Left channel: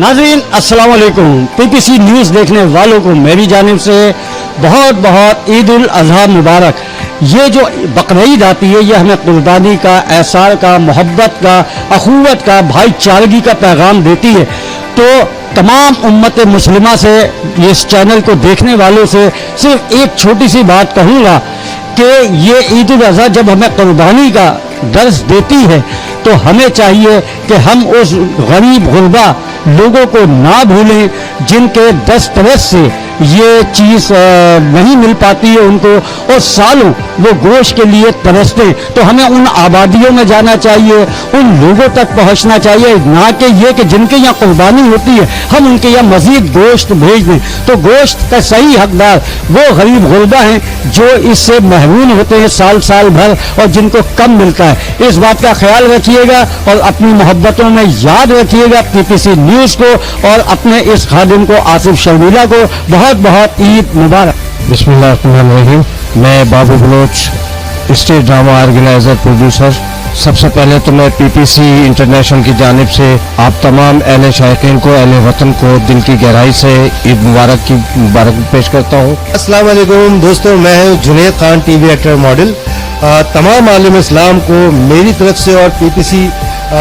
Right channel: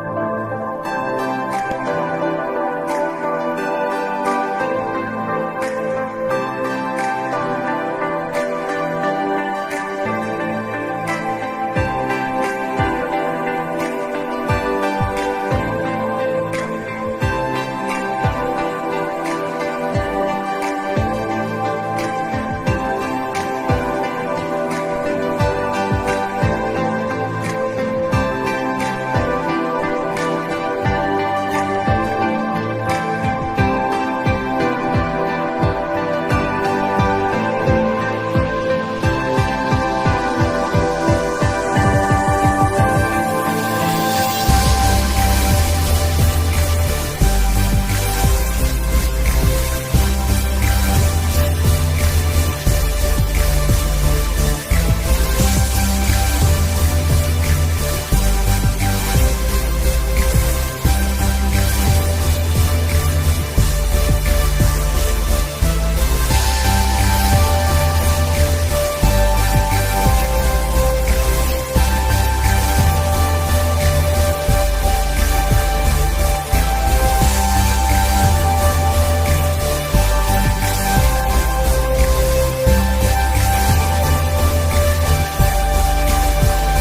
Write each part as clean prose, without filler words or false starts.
नाज़रीन अस्सलाम वालेकुम। पीपीसी न्यूज़ देखने वालों को मेरी जानिब से बहुत बहुत ईद उल अज़हा मुबारक। ये जो बकरीद आती है ये हमें कुर्बानी का, एहसान का, मोहब्बत का, अखुवत का, भाईचारगी का पैगाम देती है। तो तमाम उम्मत मुस्लिमा से, इस चैनल को देखने वालों से सिर्फ एक छोटी सी बात कहूँगा कि ये ईद उल अज़हा जब हमें कुर्बानी का दर्स देती है तो हमें चाहिए कि हम उस गरीब गुरबा लोगों को ना भूलें जिनके दस्तरस से ये चीज़ नहीं मिल पाती है उनको, और सालों वो गोश्त के लिए तरसते। तो हमें उन आबादियों में जाना चाहिए, उन लोगों तक पहुंचना चाहिए, ना कि ये कि जिनके यहाँ कुर्बानी होती है हम उनके यहाँ मज़ीद गोश्त भेज दें। तो गोश्त का सही हकदार वो गरीब गुरबा हैं जो इससे महरूम होते हैं साल साल भर और जिनको कम मिलता है। इस बात का ख्याल रखिएगा और अपनी मोहब्बतों में याद रखिएगा पीपीसी न्यूज़ को और अपने इस खादिम को आसिफ शर्मिला को बहुत बहुत ईद मुबारक। बिस्मिल्लाहिर्रहमानिर्रहीम। मैं Babu Baloch, stage drama organiser, producer. सबसे पहले तो मैं पीपीसी इंटरनेशनल की जानिब से आप तमाम अहले शायकीन को, अहले वतन को दिल की गहराई से ईद मुबारक की मुबारक पेश करता हूँ। अस्सलाम वालेकुम दोस्तों, मैं हूँ Junaid Khan, TV actor, model. तमाम आलम इस्लाम को मेरी तरफ से और पीपीसी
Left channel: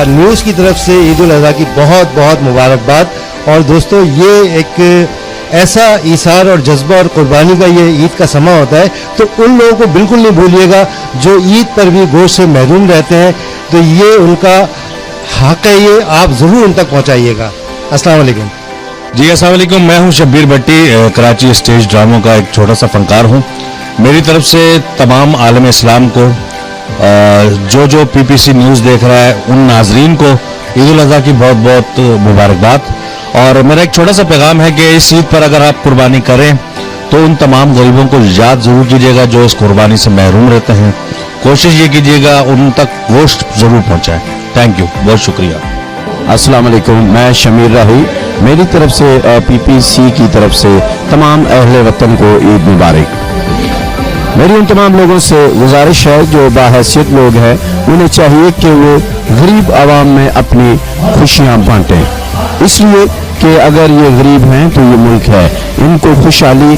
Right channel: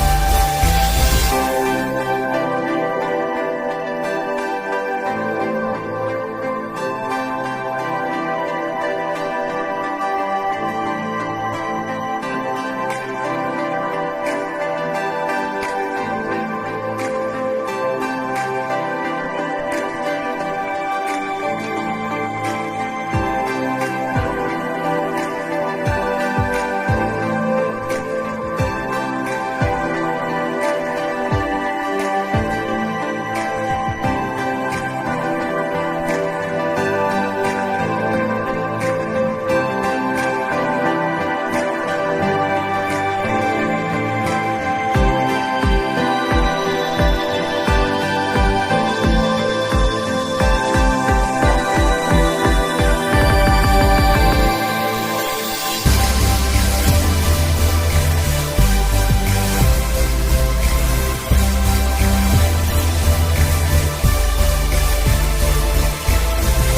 न्यूज़ की तरफ से ईद उल अज़हा की बहुत बहुत मुबारकबाद। और दोस्तों ये एक ऐसा ईसार और जज्बा और कुर्बानी का ये ईद का समा होता है, तो उन लोगों को बिल्कुल नहीं भूलिएगा जो ईद पर भी गोश्त से महरूम रहते हैं। तो ये उनका हक है, ये आप ज़रूर उन तक पहुँचाइएगा। अस्सलाम वालेकुम। जी अस्सलाम वालेकुम। मैं हूं शब्बीर भट्टी, कराची स्टेज ड्रामों का एक छोटा सा फनकार हूं। मेरी तरफ से तमाम आलम इस्लाम को, जो पीपीसी न्यूज़ देख रहा है, उन नाजरीन को ईद उल अज़हा की बहुत बहुत मुबारकबाद। और मेरा एक छोटा सा पैगाम है कि इस ईद पर अगर आप कुर्बानी करें तो उन तमाम गरीबों को याद ज़रूर कीजिएगा जो इस कुर्बानी से महरूम रहते हैं। कोशिश ये कीजिएगा उन तक गोश्त ज़रूर पहुँचाएँ। थैंक यू, बहुत शुक्रिया। अस्सलाम वालेकुम। मैं शमीर राही, मेरी तरफ से पीपीसी की तरफ से तमाम अहले वतन को ईद मुबारक। मेरी उन तमाम लोगों से गुजारिश है जो बाहैसियत लोग हैं, उन्हें चाहिए कि वो गरीब आवाम में अपनी खुशियाँ बांटें, इसलिए कि अगर ये गरीब हैं तो ये मुल्क है। इनको खुशहाली,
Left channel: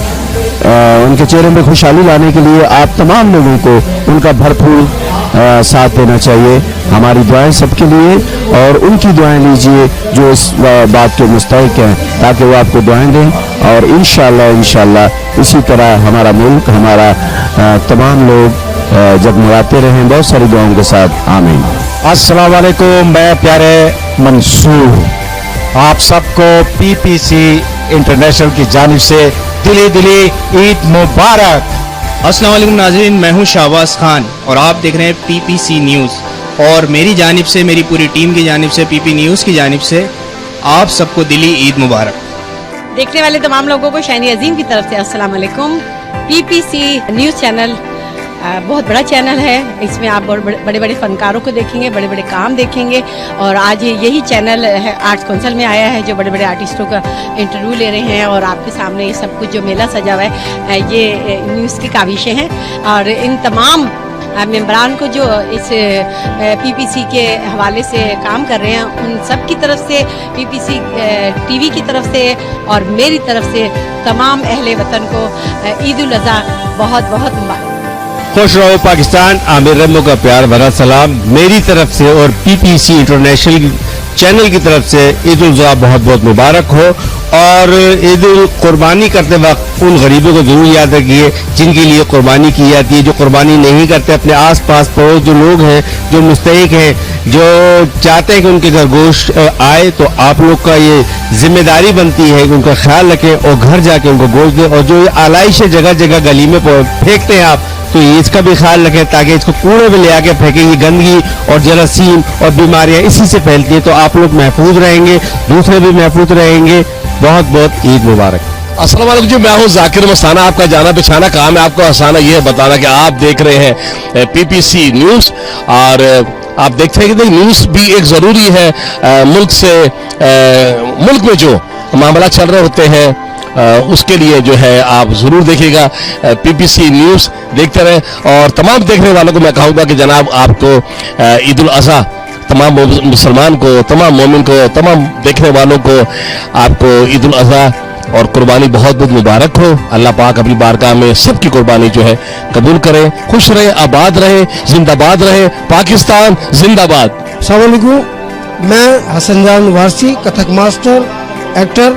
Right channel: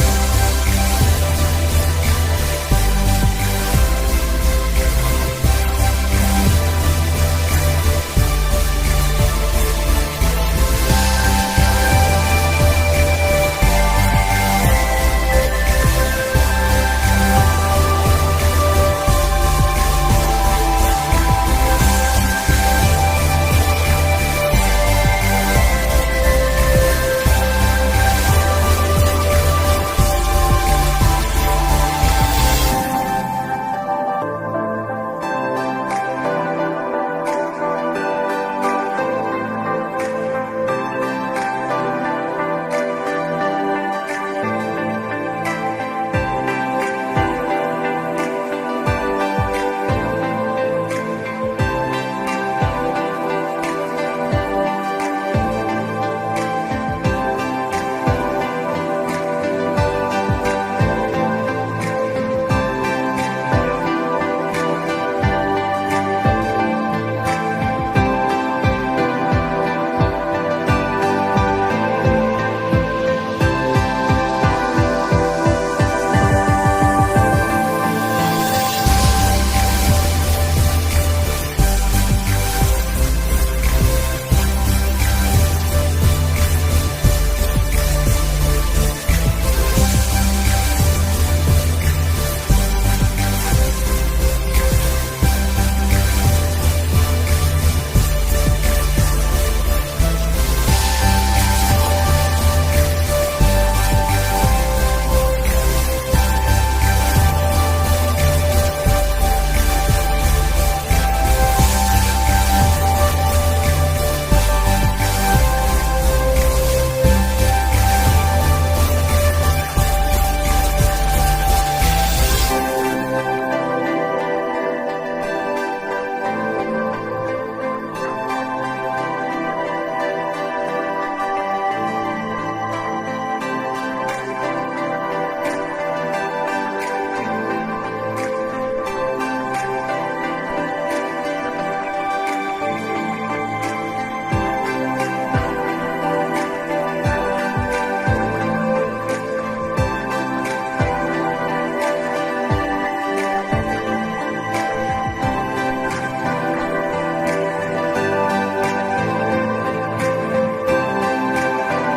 उनके चेहरे में खुशहाली लाने के लिए आप तमाम लोगों को उनका भरपूर साथ देना चाहिए। हमारी दुआएं सबके लिए और उनकी दुआएं लीजिए जो इस बात के मुस्तहिक हैं, ताकि वो आपको दुआएं दें। और इंशाअल्लाह इसी तरह हमारा मुल्क, हमारा तमाम लोग जगमगाते रहें बहुत सारी दुआओं के साथ। आमीन। अस्सलाम वालेकुम। मैं प्यारे मंसूर, आप सबको पीपीसी इंटरनेशनल की जानिब से दिली ईद मुबारक। अस्सलाम वालेकुम नाज़रीन, मैं हूं शाहबाज खान और आप देख रहे हैं पीपीसी न्यूज़। और मेरी जानिब से, मेरी पूरी टीम की जानिब से, पीपी न्यूज़ की जानिब से आप सबको दिली ईद मुबारक। देखने वाले तमाम लोगों को शानी अजीम की तरफ से अस्सलाम वालेकुम। पीपीसी न्यूज़ चैनल बहुत बड़ा चैनल है, इसमें आप बड़े बड़े फनकारों को देखेंगे, बड़े बड़े काम देखेंगे। और आज यही चैनल है आर्ट्स काउंसिल में आया है जो बड़े बड़े आर्टिस्टों का इंटरव्यू ले रहे हैं और आपके सामने ये सब कुछ जो मेला सजा हुआ है ये न्यूज़ की काविशें हैं। और इन तमाम मेंबरान को जो इस पीपीसी के हवाले से काम कर रहे हैं उन सब की तरफ से, पीपीसी टीवी की तरफ से और मेरी तरफ से तमाम अहले वतन को ईद उल अज़हा बहुत बहुत मुबारक। खुश रहो पाकिस्तान। आमिर रमो का प्यार भरा सलाम मेरी तरफ से और पीपीसी इंटरनेशनल चैनल की तरफ से ईद उल अज़हा बहुत बहुत मुबारक हो। और ईद कुर्बानी करते वक्त उन गरीबों को जरूर याद रखिए जिनके लिए कुर्बानी की जाती है, जो कुर्बानी नहीं करते। अपने आस पास पड़ोस जो लोग हैं, जो मुस्तहिक हैं, जो चाहते हैं कि उनके घर गोश्त आए, तो आप लोग का ये जिम्मेदारी बनती है कि उनका ख्याल रखें और घर जाके उनको गोश्त दें। और जो आलाइश जगह जगह गली में फेंकते हैं आप, तो इसका भी ख्याल रखें ताकि इसको कूड़े में ले आके फेंकें। ये गंदगी और जरासीम और बीमारियां इसी से फैलती है। तो आप लोग महफूज रहेंगे, दूसरे भी महफूज रहेंगे। बहुत बहुत ईद मुबारक। अस्सलाम वालेकुम जी, मैं हूं जाकिर मस्ताना। आपका जाना पहचाना काम है, आपको आसाना ये बताना कि आप देख रहे हैं पीपीसी न्यूज़। और आप देखते हैं कि न्यूज़ भी एक ज़रूरी है मुल्क से, मुल्क में जो मामला चल रहे होते हैं उसके लिए जो है आप ज़रूर देखिएगा। पीपीसी न्यूज़ देखते रहें। और तमाम देखने वालों को मैं कहूँगा कि जनाब आपको ईद उल अज़हा तमाम मुसलमान को, तमाम मोमिन को, तमाम देखने वालों को आपको ईद उल अज़हा और कुर्बानी बहुत बहुत मुबारक हो। अल्लाह पाक अपनी बारगाह में सबकी कुर्बानी जो है कबूल करे। खुश रहे, आबाद रहे, जिंदाबाद रहे, पाकिस्तान जिंदाबाद। अस्सलाम वालेकुम, मैं हसन जान वारसी, कथक मास्टर, एक्टर।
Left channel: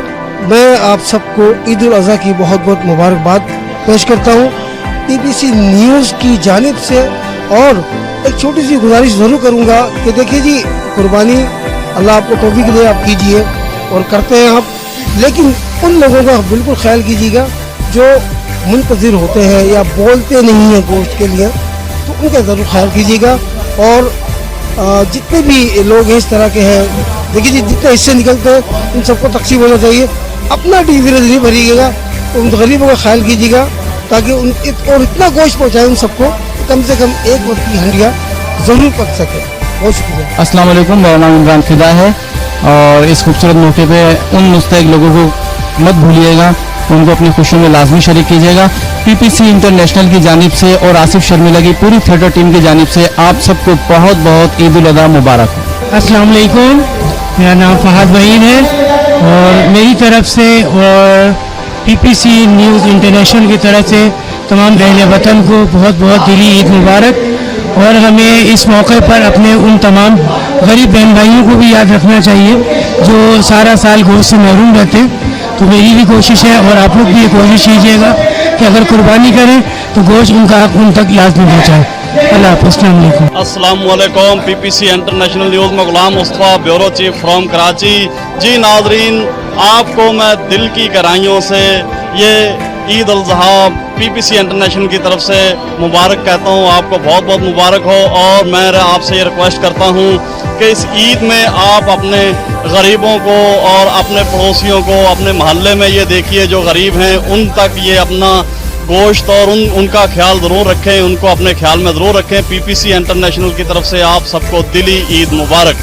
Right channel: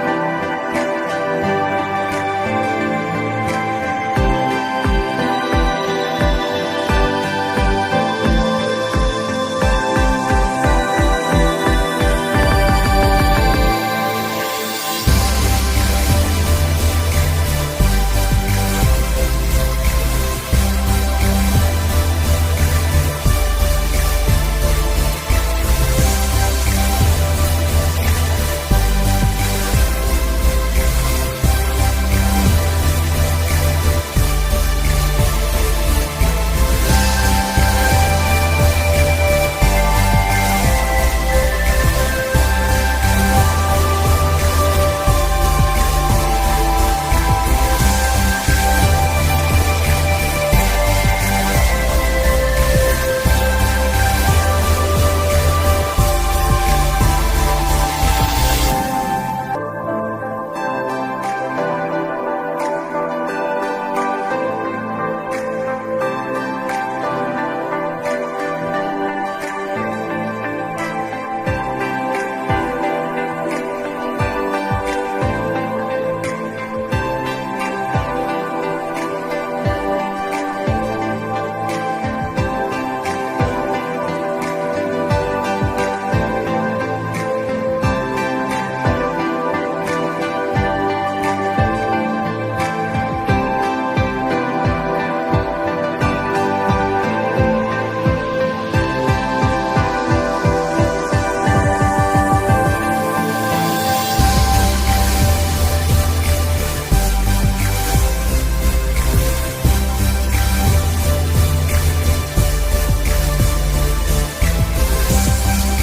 मैं आप सबको ईद उल अज़हा की बहुत बहुत मुबारकबाद पेश करता हूँ पीपीसी न्यूज़ की जानिब से। और एक छोटी सी गुजारिश ज़रूर करूँगा कि देखिए जी, कुर्बानी अल्लाह आपको तौफीक दे, आप कीजिए और करते हैं आप, लेकिन उन लोगों का बिल्कुल ख्याल कीजिएगा जो मुंतज़िर होते हैं या बोलते नहीं हैं गोश्त के लिए, तो उनका ज़रूर ख्याल कीजिएगा। और जितने भी लोग इस तरह के हैं, देखिए जी, जितने हिस्से निकलते हैं उन सबको तकसीम होना चाहिए। अपना टीवी नहीं भरिएगा, तो उन गरीबों का ख्याल कीजिएगा ताकि और इतना गोश्त पहुँचाए उन सबको, कम से कम एक वक्त की हंडिया ज़रूर पक सके। बहुत शुक्रिया। अस्सलाम वालेकुम, मेरा नाम इमरान फिदा है और इस खूबसूरत मौके पे उन मुस्तैक लोगों को मत भूलिएगा, उनको अपनी खुशियों में लाजमी शरीक कीजिएगा। पीपीसी इंटरनेशनल की जानिब से और आसिफ शर्मिला की पूरी थिएटर टीम की जानिब से आप सबको बहुत बहुत ईद उल अज़हा मुबारक। अस्सलाम वालेकुम, मेरा नाम फहद वहीद है और मेरी तरफ से और पीपीसी न्यूज़ इंटरनेशनल की तरफ से तमाम अहले वतन को बहुत बहुत दिली ईद मुबारक। और हमें इस मौके पर अपने उन तमाम गरीब बहन भाइयों को भी याद रखना चाहिए जो सारा साल गोश्त से महरूम रहते हैं। तो मेरी भी कोशिश है और आप लोग भी ये कोशिश कीजिएगा कि अगर कुर्बानी करें तो गोश्त उनका हक उन तक लाजमी पहुँचाए। अल्लाह हाफ़िज़। अस्सलाम वालेकुम। अस्सलाम वालेकुम। पीपीसी इंटरनेशनल न्यूज़ में Ghulam Mustafa, bureau chief from Karachi. जी नाजरीन, आपको मैं दिल की गहराइयों से ये ईद उल अज़हा पीपीसी इंटरनेशनल की तरफ से मुबारक कहता हूँ। आपको बहुत बहुत मुबारक हो। और मैं आपसे ये रिक्वेस्ट करता हूँ कि इस ईद में आप अपने गरीबों को और अपने पड़ोसियों को अपने मोहल्ले में ये देखिए जो गरीब हैं, उन तक ये अपना गोश्त और उनका ख्याल ज़रूर रखें, उनको अपने ख्याल में ज़रूर रखें। पीपीसी इंटरनेशनल की तरफ से आप सबको दिली ईद मुबारक।